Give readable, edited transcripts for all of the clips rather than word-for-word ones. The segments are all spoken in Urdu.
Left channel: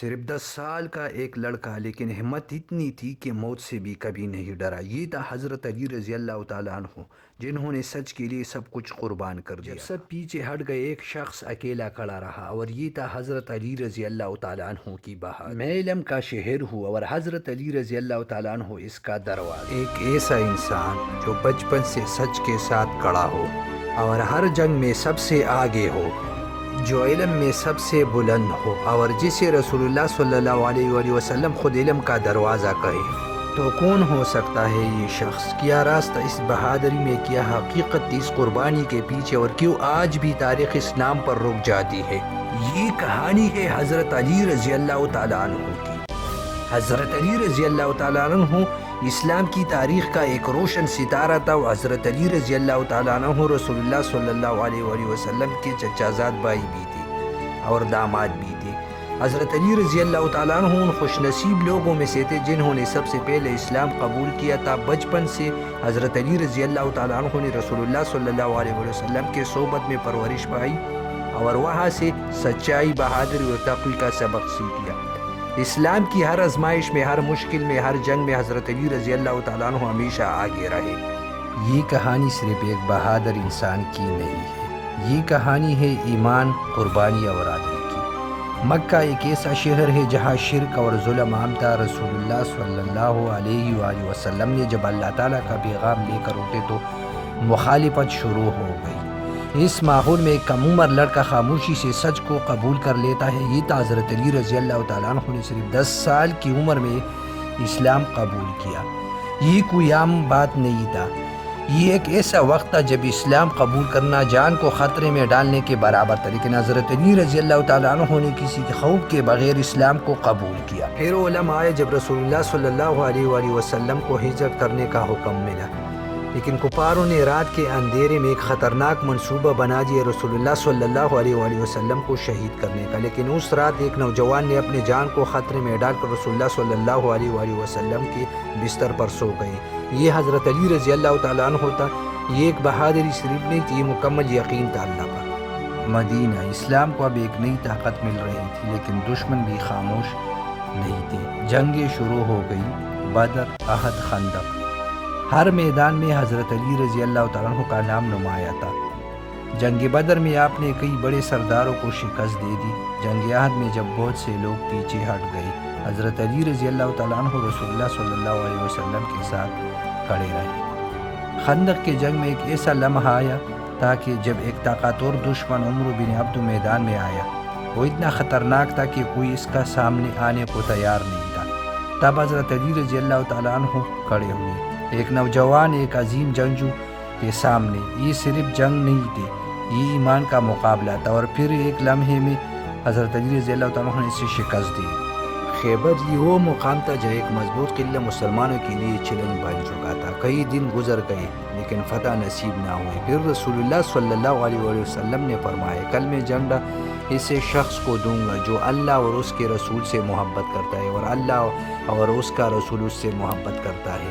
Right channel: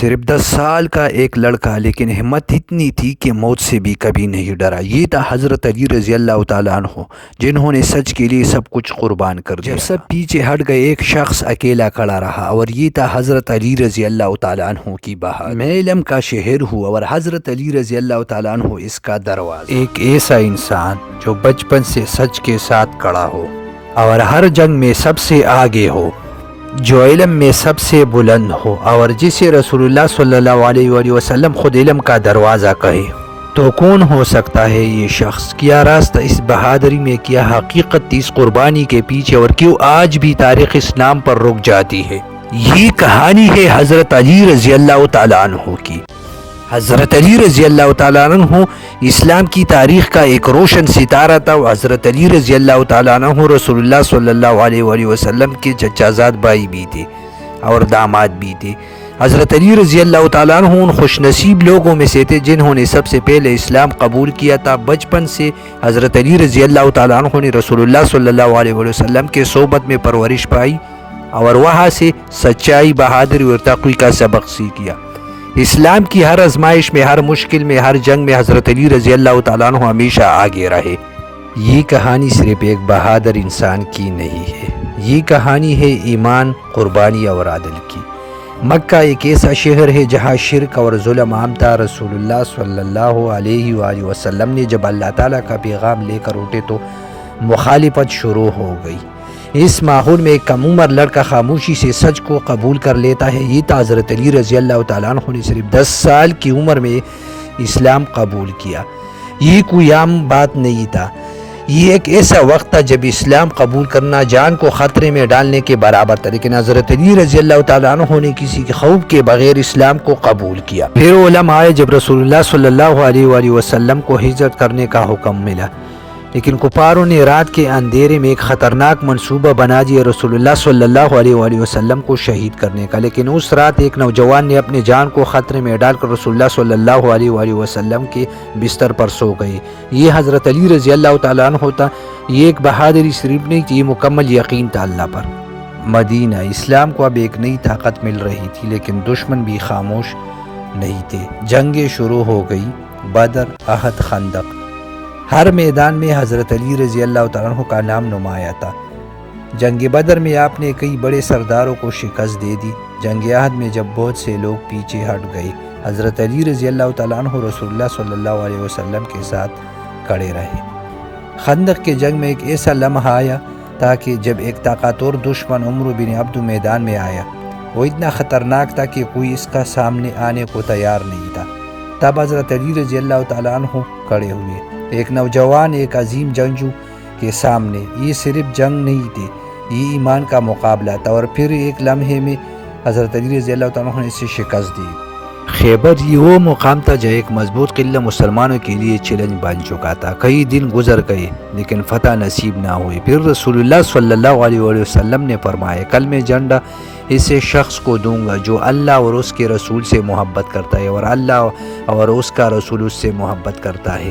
صرف 10 سال کا ایک لڑکا، لیکن ہمت اتنی تھی کہ موت سے بھی کبھی نہیں ڈرا۔ یہ تھا حضرت علی رضی اللہ تعالیٰ عنہ، جنہوں نے سچ کے لیے سب کچھ قربان کر دیا۔ جب سب پیچھے ہٹ گئے، ایک شخص اکیلا کھڑا رہا، اور یہ تھا حضرت علی رضی اللہ تعالیٰ عنہ کی بہادری۔ میں علم کا شہر ہوں، اور حضرت علی رضی اللہ تعالیٰ عنہ اس کا دروازہ۔ ایک ایسا انسان جو بچپن سے سچ کے ساتھ کھڑا ہو، اور ہر جنگ میں سب سے آگے ہو، جو علم میں سب سے بلند ہو، اور جسے رسول اللہ صلی اللہ علیہ وآلہ وسلم خود علم کا دروازہ کہے، تو کون ہو سکتا ہے یہ شخص؟ کیا راستہ اس بہادری میں، کیا حقیقت اس قربانی کے پیچھے، اور کیوں آج بھی تاریخ اسلام پر رک جاتی ہے؟ یہ کہانی ہے حضرت علی رضی اللہ تعالیٰ عنہ کی۔ حضرت علی رضی اللہ تعالیٰ عنہ اسلام کی تاریخ کا ایک روشن ستارہ تھا۔ حضرت علی رضی اللہ تعالیٰ عنہ رسول اللہ صلی اللہ علیہ وآلہ وسلم کے چچا زاد بھائی بھی تھے اور داماد بھی تھے۔ حضرت علی رضی اللہ تعالیٰ عنہ ان خوش نصیب لوگوں میں سے تھے جنہوں نے سب سے پہلے اسلام قبول کیا تھا۔ بچپن سے حضرت علی رضی اللہ تعالیٰ عنہ نے رسول اللہ صلی اللہ علیہ وآلہ وسلم کے صحبت میں پرورش پائی، اور وہاں سے سچائی، بہادری اور تقوی کا سبق سیکھا۔ اسلام کی ہر آزمائش میں، ہر مشکل میں، ہر جنگ میں حضرت علی رضی اللہ تعالیٰ عنہ ہمیشہ آگے رہے۔ یہ کہانی صرف ایک بہادر انسان کی نہیں ہے، یہ کہانی ہے ایمان، قربانی اور عدل کی۔ مکہ ایک ایسا شہر ہے جہاں شرک اور ظلم عام تھا۔ رسول اللہ صلی اللہ علیہ وآلہ وسلم نے جب اللہ تعالیٰ کا پیغام لے کر اٹھے تو مخالفت شروع ہو گئی۔ اس ماحول میں ایک کم عمر لڑکا خاموشی سے سچ کو قبول کر لیتا ہے۔ یہ تھا حضرت علی رضی اللہ تعالیٰ عنہ نے صرف 10 سال کی عمر میں اسلام قبول کیا۔ یہ کوئی عام بات نہیں تھا، یہ ایک ایسا وقت تھا جب اسلام قبول کرنا جان کو خطرے میں ڈالنے کے برابر تھا، لیکن حضرت علی رضی اللہ تعالیٰ عنہ نے کسی کے خوف کے بغیر اسلام کو قبول کیا۔ پھر علماء آئے جب رسول اللہ صلی اللہ علیہ وآلہ وسلم کو ہجرت کرنے کا حکم ملا، لیکن کفاروں نے رات کے اندھیرے میں ایک خطرناک منصوبہ بنا دیا رسول اللہ صلی اللہ علیہ وآلہ وسلم کو شہید کرنے کا۔ لیکن اس رات ایک نوجوان نے اپنے جان کو خطرے میں ڈال کر رسول اللہ صلی اللہ علیہ وآلہ وسلم کے بستر پر سو گئے۔ یہ حضرت علی رضی اللہ تعالیٰ عنہ تھا۔ یہ ایک بہادری صرف نہیں تھی، یہ مکمل یقین تھا اللہ پر۔ مدینہ اسلام کو اب ایک نئی طاقت مل رہی تھی، لیکن دشمن بھی خاموش نہیں تھے۔ جنگیں شروع ہو گئی، بدر، احد، خندق۔ ہر میدان میں حضرت علی رضی اللہ تعالیٰ عنہ کا نام نمایاں تھا۔ جنگ بدر میں آپ نے کئی بڑے سرداروں کو شکست دے دی۔ جنگ احد میں جب بہت سے لوگ پیچھے ہٹ گئے، حضرت علی رضی اللہ تعالیٰ عنہ رسول اللہ صلی اللہ علیہ وسلم کے ساتھ کھڑے رہے۔ خندق کے جنگ میں ایک ایسا لمحہ آیا تھا کہ جب ایک طاقتور دشمن عمرو بن عبد میدان میں آیا، وہ اتنا خطرناک تھا کہ کوئی اس کا سامنے آنے کو تیار نہیں تھا۔ تب حضرت علی رضی اللہ تعالیٰ عنہ کھڑے ہوئے، ایک نوجوان، ایک عظیم جنگجو کے سامنے۔ یہ صرف جنگ نہیں تھی، یہ ایمان کا مقابلہ تھا، اور پھر ایک لمحے میں حضرت علی رضی اللہ تعالیٰ عنہ نے اسے شکست دی۔ خیبر یہ وہ مقام تھا جہاں ایک مضبوط قلعہ مسلمانوں کے لیے چیلنج بن چکا تھا۔ کئی دن گزر گئے لیکن فتح نصیب نہ ہوئی۔ پھر رسول اللہ صلی اللہ علیہ وآلہ وسلم نے فرمایا، کل میں جھنڈا اسے شخص کو دوں گا جو اللہ اور اس کے رسول سے محبت کرتا ہے، اور اللہ اور اس کا رسول اس سے محبت کرتا ہے۔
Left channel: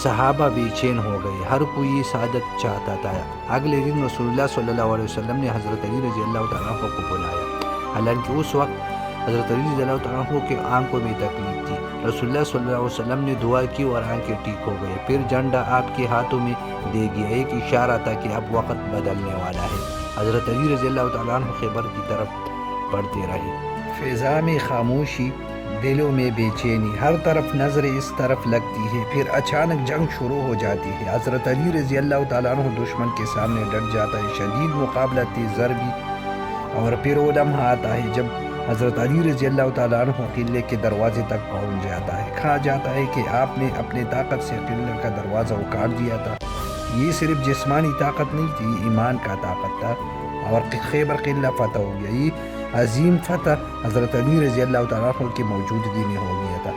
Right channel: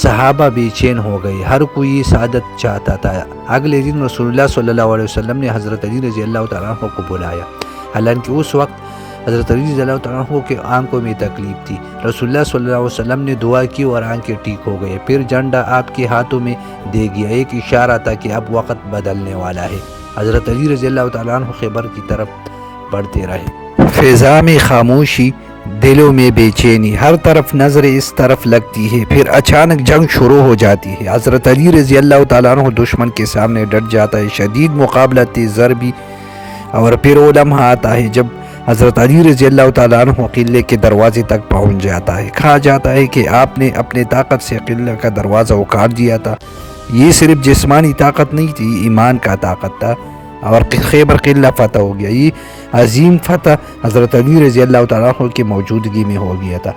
صحابہ بے چین ہو گئے، ہر کوئی سعادت چاہتا تھا۔ اگلے دن رسول اللہ صلی اللہ علیہ وسلم نے حضرت علی رضی اللہ تعالیٰ عنہ کو بلایا، حالانکہ اس وقت حضرت علی رضی اللہ تعالیٰ عنہ کے آنکھوں میں تکلیف تھی۔ رسول اللہ صلی اللہ علیہ وسلم نے دعا کی اور آنکھیں ٹھیک ہو گئے۔ پھر جھنڈا آپ کے ہاتھوں میں دے گیا، ایک اشارہ تھا کہ اب وقت بدلنے والا ہے۔ حضرت علی رضی اللہ تعالیٰ عنہ خیبر کی طرف بڑھتے رہے۔ فضا میں خاموشی، دلوں میں بے چینی، ہر طرف نظریں اس طرف لگتی ہے۔ پھر اچانک جنگ شروع ہو جاتی ہے۔ حضرت علی رضی اللہ تعالیٰ عنہ دشمن کے سامنے ڈٹ جاتا ہے، شدید مقابلہ، تیز ضربی، اور پھر وہ لمحہ آتا ہے جب حضرت علی رضی اللہ تعالیٰ عنہ قلعے کے دروازے تک پہنچ جاتا ہے۔ کہا جاتا ہے کہ آپ نے اپنے طاقت سے قلعے کا دروازہ اکھاڑ دیا تھا۔ یہ صرف جسمانی طاقت نہیں تھی، ایمان کا طاقت تھا، اور خیبر قلعہ فتح ہو گیا۔ یہ عظیم فتح حضرت علی رضی اللہ تعالیٰ عنہ کی موجودگی میں ہو گیا تھا۔